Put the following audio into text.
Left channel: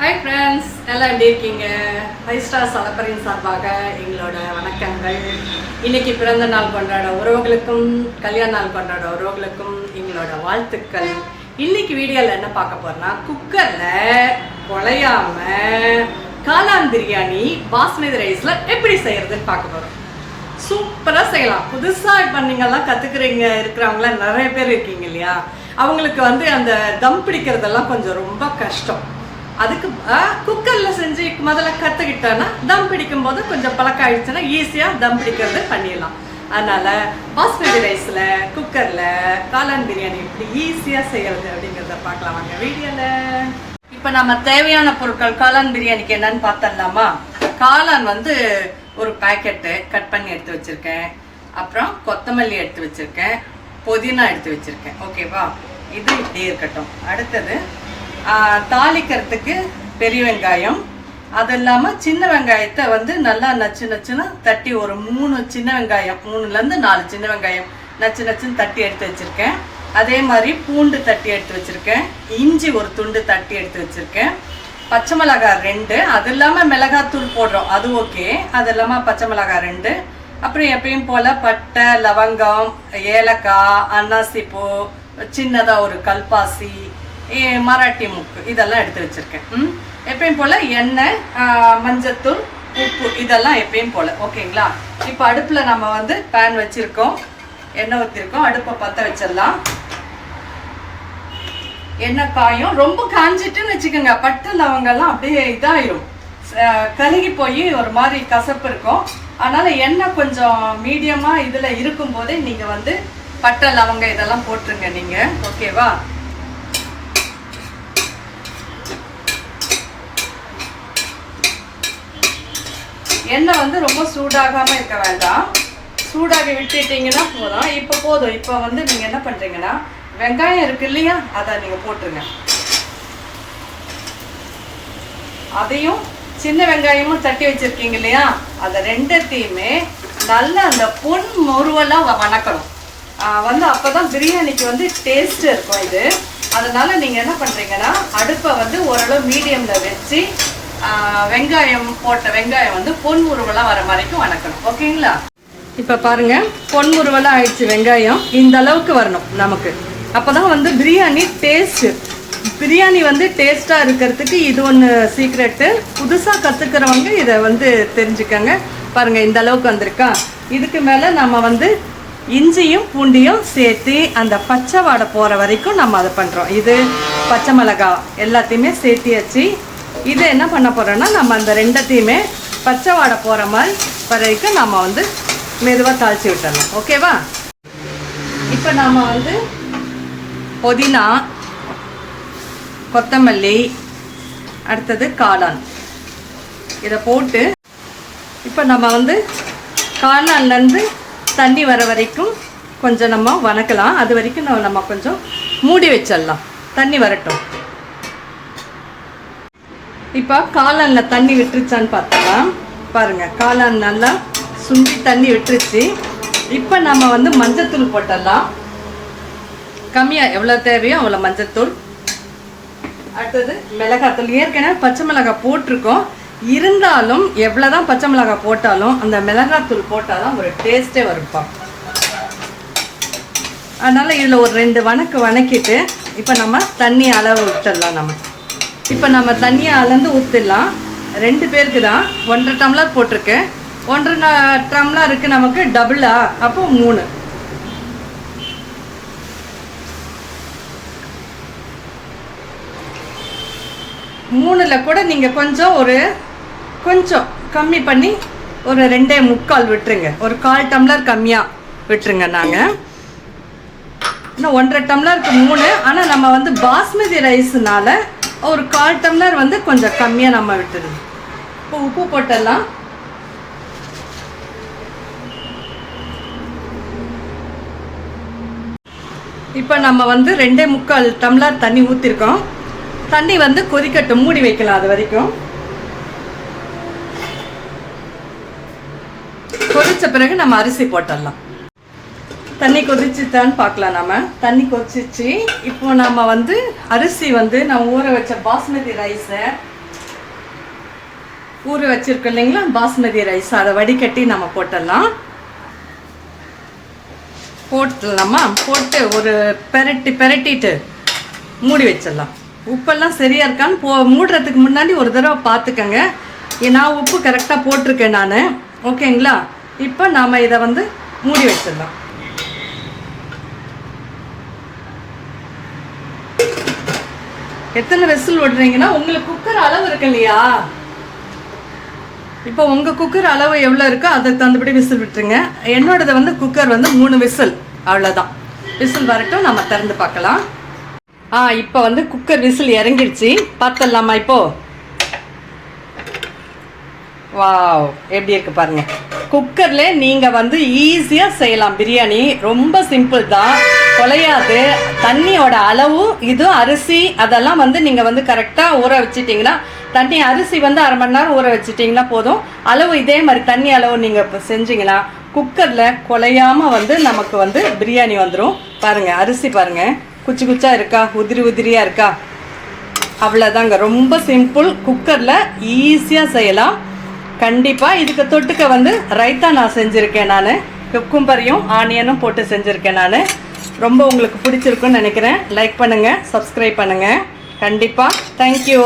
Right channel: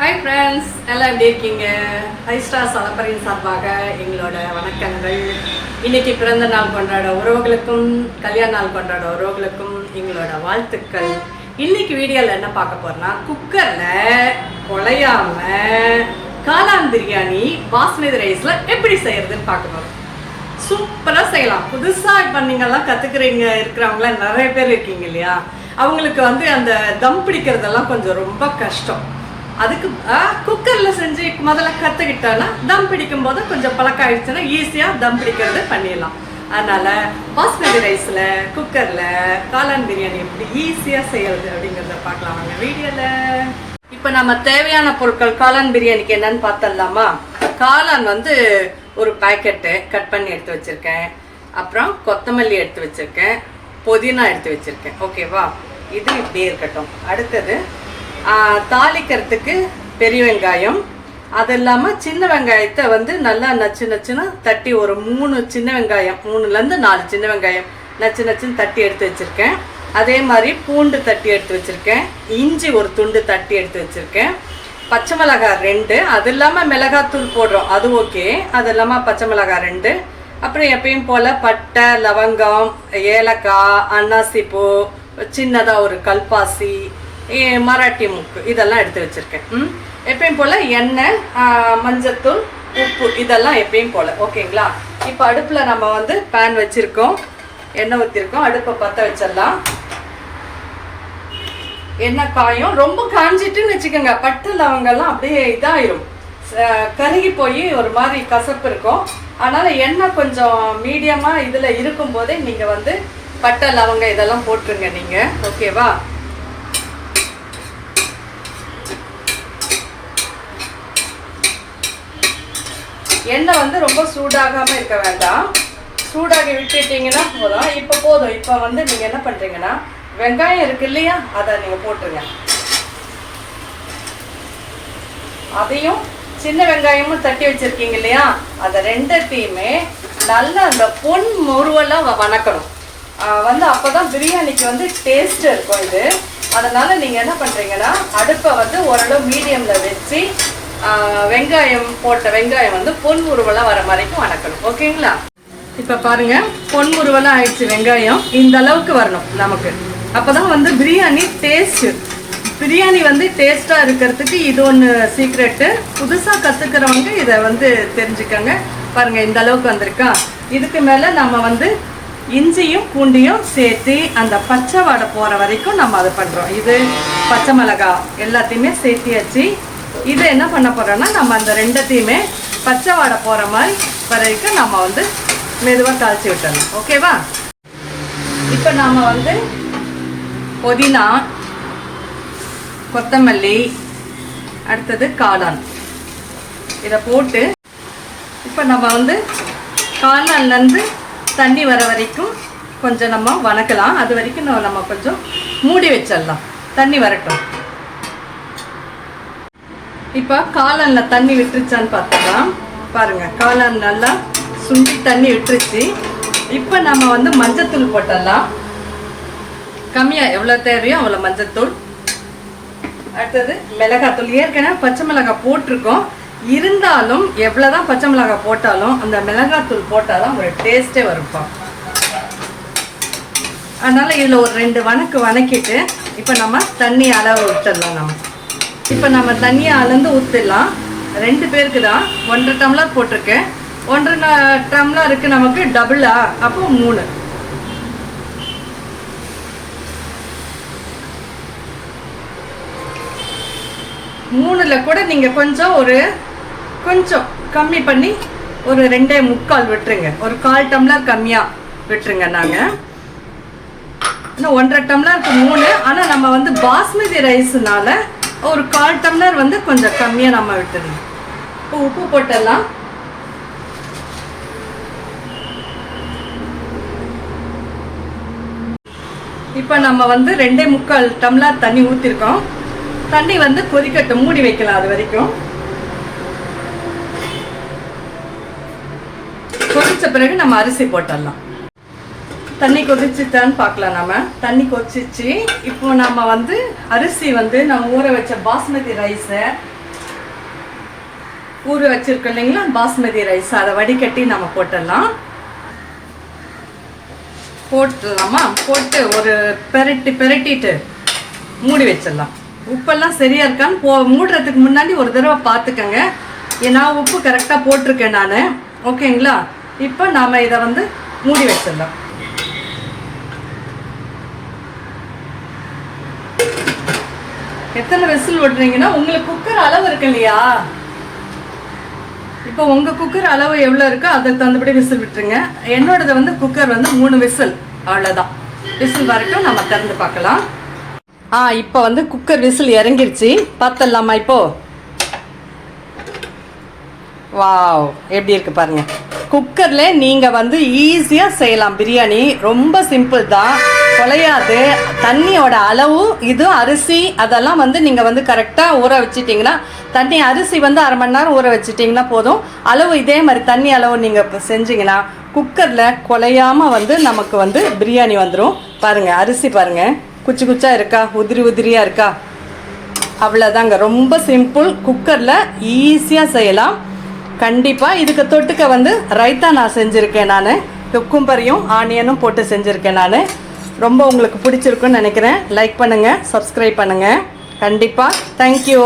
Hi friends, எல்லாம் எப்படி இருக்கீங்க? ஃபைவ் ஸ்டார் சலப்பரின் சார்பாக எங்களோட வணக்கங்கள். இன்னைக்கு பிறந்த நாள் கொண்டாட உறவுகளுக்கும் கல்யாண நாள் கொண்டாட உறவுகளுக்கும் எங்களோட வாழ்த்துக்கள். இன்னைக்கு வீடியோவில் என்ன பார்க்க போறோம்னா, குக்கரில் குழையாம காளான் பிரியாணி பாஸ்மதி ரைஸில் எப்படி செய்யறதுன்னு பார்க்க போகிறோம். சூப்பராக செய்யலாம். புதுசாக இப்போ நீங்கள்லாம் கற்றுக்குறீங்க இருக்கிறவங்களாம் நிறைய பேர் இருக்கீங்க இல்லையா? அவங்களுக்கு அந்த தம் பிடிக்கிறதெல்லாம் கொஞ்சம் ரொம்ப கஷ்டம். அதுக்கு குக்கரில் செஞ்சு முதல்ல கற்றுக்கிட்டோன்னா தம் பிடிக்கும் போது கொஞ்சம் பழக்கம் ஆயிடுச்சுன்னா ஈஸியாக தம் பிடிக்கிறது பண்ணிடலாம். அதனால் பாஸ்மதி ரைஸில் குக்கரில் காளான் பிரியாணி எப்படி ஈஸியாக செய்கிறது அப்படிங்கிறத பார்க்கலாம் வாங்க வீடியோவில். இப்போ நம்ம தேவையான பொருட்கள் காளான் பிரியாணிக்கு என்னன்னு பார்த்துடலாமா? காளான் ஒரு பேக்கெட்டு கட் பண்ணி எடுத்து வச்சுருக்கேன். அப்புறம் கொத்தமல்லி எடுத்து வச்சுருக்கேன், புதினா எடுத்து வச்சுருக்கேன். ஓகேவா, இது இப்படியே இருக்கட்டும். அடுத்தது தாளிக்கிறதுக்கு பெரிய வெங்காயம், அது இல்லாமல் சின்ன வெங்காயத்தை நல்லா நச்சு நச்சுன்னு தட்டி ஒரு 3 சின்ன வெங்காயம், 3லேருந்து 4 சின்ன வெங்காயம் நச்சு நச்சுன்னு தட்டி எடுத்து வச்சுருக்கேன். அதே மாதிரி பூண்டு தட்டி எடுத்து வச்சுருக்கேன். இஞ்சி ஒரு துண்டு தட்டி எடுத்து வச்சுருக்கேன். பச்சை மிளகாய் 2, அது இல்லாமல் மிளகாத்தூள் போடுறோம், அது ஓகே. அது இல்லாமல் பச்சை மிளகாய் 2. அப்புறம் எப்பயும் போல் பட்டை, லவங்கம், ஏலக்காய், அன்னாசிப்பூ, சின்னதாக ஒரு கல்பாசி, மராட்டி முக்கு, இதெல்லாம் எடுத்து வச்சுருக்கேன். எப்பயும் போல் எண்ணெய், மஞ்சத்தூள், உப்பு, இதெல்லாம் எப்பயும் போல். ஓகேங்களா? இப்போ அடுப்பில் நம்ம பேன் வச்சுருக்கோம், எண்ணெய் ஊற்றிருக்கோம். அடுப்பை பற்ற வச்சிடலாம். எண்ணெய் காயும். ரொம்ப காஞ்சிட்டுன்னு வச்சுக்கோங்க, பட்டை லவங்கெல்லாம் அப்படியே இதாயிரும், கருகி போய் ஒரு மாதிரி கசப்பு இருக்கும். அதனால் எண்ணெய் கொஞ்சம் மீடியமாக இதில் இருக்கும்போதே நீங்கள் பட்டை லவங்கம் இதெல்லாம் போட்டுருங்க நீங்கள். ஓகேவா? எண்ணெய் ரொம்ப சூடாகாமல் இருக்க வேண்டாம், சூடாக விட்டுட்டீங்கன்னா போதும். இப்போ போதும். இப்போ நீங்கள் என்ன பண்ணுறீங்கன்னா, வெங்காயம் இருக்கு இல்லையா, அதை நீங்கள் போட்டுருங்க. அதையும் சின்ன வெங்காயமும் தட்டி வச்சுருக்கீங்க இல்லையா, அதை ரெண்டத்தையுமே நல்லா அந்த பொன் முருவெல்லாம் வணக்கணும். அப்போ தான் பிரியாணிக்கு டேஸ்ட்டு இருக்கும் இது. அதனால் நீங்கள் என்ன பண்ணுறீங்கன்னா, அடுப்பை ஓரளவு மீடியமில் வச்சு வெங்காயம் போட்ட வெங்காயம் பொன் முருவெல்லாம் வர மாதிரிக்கும் வணக்கணும். ஓகேங்களா? இப்போ பாருங்கள், பொன் முருவெல்லாம் ஆயிடுச்சு. வெங்காயம் இந்த அளவுக்கு வரணும் நமக்கு. அப்போ தான் பிரியாணி டேஸ்ட்டு. பிரியாணி டேஸ்ட்டாக இருக்கிறதுக்கு இது ஒன்று சீக்ரெட்டு. புதுசாக கற்றுக்கிறவங்க இதை தெரிஞ்சுக்கங்க. பாருங்கள், இந்த அளவுக்கு வந்திருக்கா. இதுக்கு மேலே நம்ம இஞ்சியும் பூண்டியும் சேர்த்து அந்த பச்சை வாடை போகிற வரைக்கும் நம்ம அதை பண்ணுறோம். இது பச்சை மிளகாய் எல்லாத்தையுமே சேர்த்தியாச்சு. இது என்ன பண்ண போகிறோன்னா, நம்ம அந்த ரெண்டத்தையுமே பச்சை வாடை போகிற மாதிரி வரைக்கும் நம்ம மெதுவாக தாளித்து விட்டுறோம். ஓகேவா? இப்போ நாம் புதினா, கொத்தமல்லி, அடுத்தது காளான், இதை போட்டு இப்போ நம்ம காளான்லேருந்து தண்ணி வர வரைக்கும் கொஞ்சம் நம்ம வணக்கலாம். அது வரைக்கும் நம்ம கொஞ்சம் மூடி வச்சிடலாம், தண்ணி வரட்டும். இப்போ காளானில் தண்ணி விட்டுருச்சான்னு பார்த்துக்கலாம். பாருங்கள், காளான் நல்லா சுண்டி தண்ணி விட்டுருச்சு. இப்போ நம்ம மஞ்சத்தூள் போட்டுடலாம். கம்மியாக எவ்வளோ தேவையோ அவ்வளோ மஞ்சத்தூள். அடுத்தது மிளகாத்தூள். ஏற்கனவே பச்சை மிளகாய் போட்டிருக்கோம், இருந்தாலும் எவ்வளோதான் பச்சை மிளகாய் போட்டாலும் அந்த மிளகாத்தூள் போட்டால் தான் ஒரு டேஸ்ட்டே வருப்பா. அதனால் இதில் ஒரு 2 வணக்கிட்டு இப்போ நம்ம தண்ணி அளவு விட்டுடலாம். இப்போ நம்ம தண்ணியை அளந்து ஊற்றிடலாம். 2 பேருக்கு தான் 1.5 டம்ளர் போட்டிருக்கேன். 1.5 டம்ளர் இருக்குது நமக்கு, டபுளா அப்போ 3. மூணுல கூட நீங்கள் கொஞ்சம் கம்மி பண்ணி ஒரு 2.25 விட்டுருங்க. ஒரு 1/4 டம்ளர் கம்மியாக விட்டுருங்க. நாங்கள் இன்னும் 1.5 டம்ளருக்கு 3. ஆனால் நம்ம பாஸ்மதி ரைஸ்னால ஒரு 1/4 டம்ளர் கொஞ்சம் கம்மியாக நம்ம விட்டுருங்க. இப்போ உப்பு போட்டுடலாம். இப்போ நம்ம 2.25 டம்ளர் தண்ணி ஊற்றிருக்கோம். தண்ணி கொதிக்கட்டும், மூடி வைக்கலாம். அது வரைக்கும் கொதிச்ச பிறகு நம்ம அரிசி போட்டுடலாம். தண்ணி கொதிச்சுட்டான்னு பார்க்கலாம். நம்ம தண்ணி கொதிச்சிச்சு. இப்போ நம்ம அரிசி நம்ம ஊற வச்ச பாஸ்மதி ரைஸை ஊற வச்சிருக்கோம் இல்லைங்களா பாஸ்மதி ரைஸ், அதை வடிகட்டி நம்ம போட்டுடலாமா. போட்டு ஒரு பெரட்டிட்டு மூடி வச்சிடலாம். உப்பெல்லாம் சரியா இருக்கான்னு மூடுறதுக்கு முன்னாடி ஒரு தடவை பார்த்துக்கங்க. நான் உப்பு கரெக்டாக போட்டிருக்கேன் நான். ஓகேங்களா? இப்போ நாம் இதை வந்து மூடி வச்சிடலாம். எத்தனை விசில் விடுறீங்கன்னா உங்களுக்கு குக்கர் அளவு இருக்கு இல்லையா, இப்போ உங்க குக்கர் அளவு எவ்வளவு இருக்கோ அதுக்கு தகுந்தபடி விசில் விட்டுருங்க. என்னோடது வந்து குக்கர் வந்து 3 விசில், அவ்வளவுதான். விசில் வரைக்கும் நம்ம திறந்து பார்க்கலாம். இப்போ வந்து குக்கர் விசில் இறங்கிடுச்சு, பார்த்துடலாமா? இப்போ வாவ், எப்படி இருக்கு பாருங்க. குக்கர்ல நீங்க வந்து ஈஸியா செய்யலாம் பிரியாணி. ரொம்ப சிம்பிள் தான், குலையாது. தண்ணியோட அளவு இது அரிசி அதெல்லாம் வந்து நீங்க வந்து கரெக்டா ஊற வச்சிட்டீங்கன்னா, தண்ணி அரிசி வந்து அரை மணி நேரம் ஊற வச்சிட்டிங்கன்னா போதும். அளவு இதே மாதிரி தண்ணி அளவு நீங்க இப்போ செஞ்சீங்கன்னா குக்கர்ல குலையாம வந்து நமக்கு வந்து பிரியாணி வந்துடும். பாருங்க அரிசி பாருங்க, குச்சி குச்சா இருக்கா, உதிரியா இருக்கா, அவ்வளோதாங்க. ரொம்ப சிம்பிள், குக்கர்ல ஈஸியா செய்யலாம். கண்டிப்பாக இதுக்கு தொட்டுக்க வந்து ரைத்தா நான் செஞ்சுருக்கேன். நான் குக்கும்பரையும் ஆனியனும் போட்டு செஞ்சுருக்கேன். நான் ரொம்ப உங்களுக்கு பிடிச்சிருக்குன்னு நினைக்கிறேன். லைக் பண்ணுங்கள், சப்ஸ்கிரைப் பண்ணுங்கள் கண்டிப்பாக. தேங்க்யூ.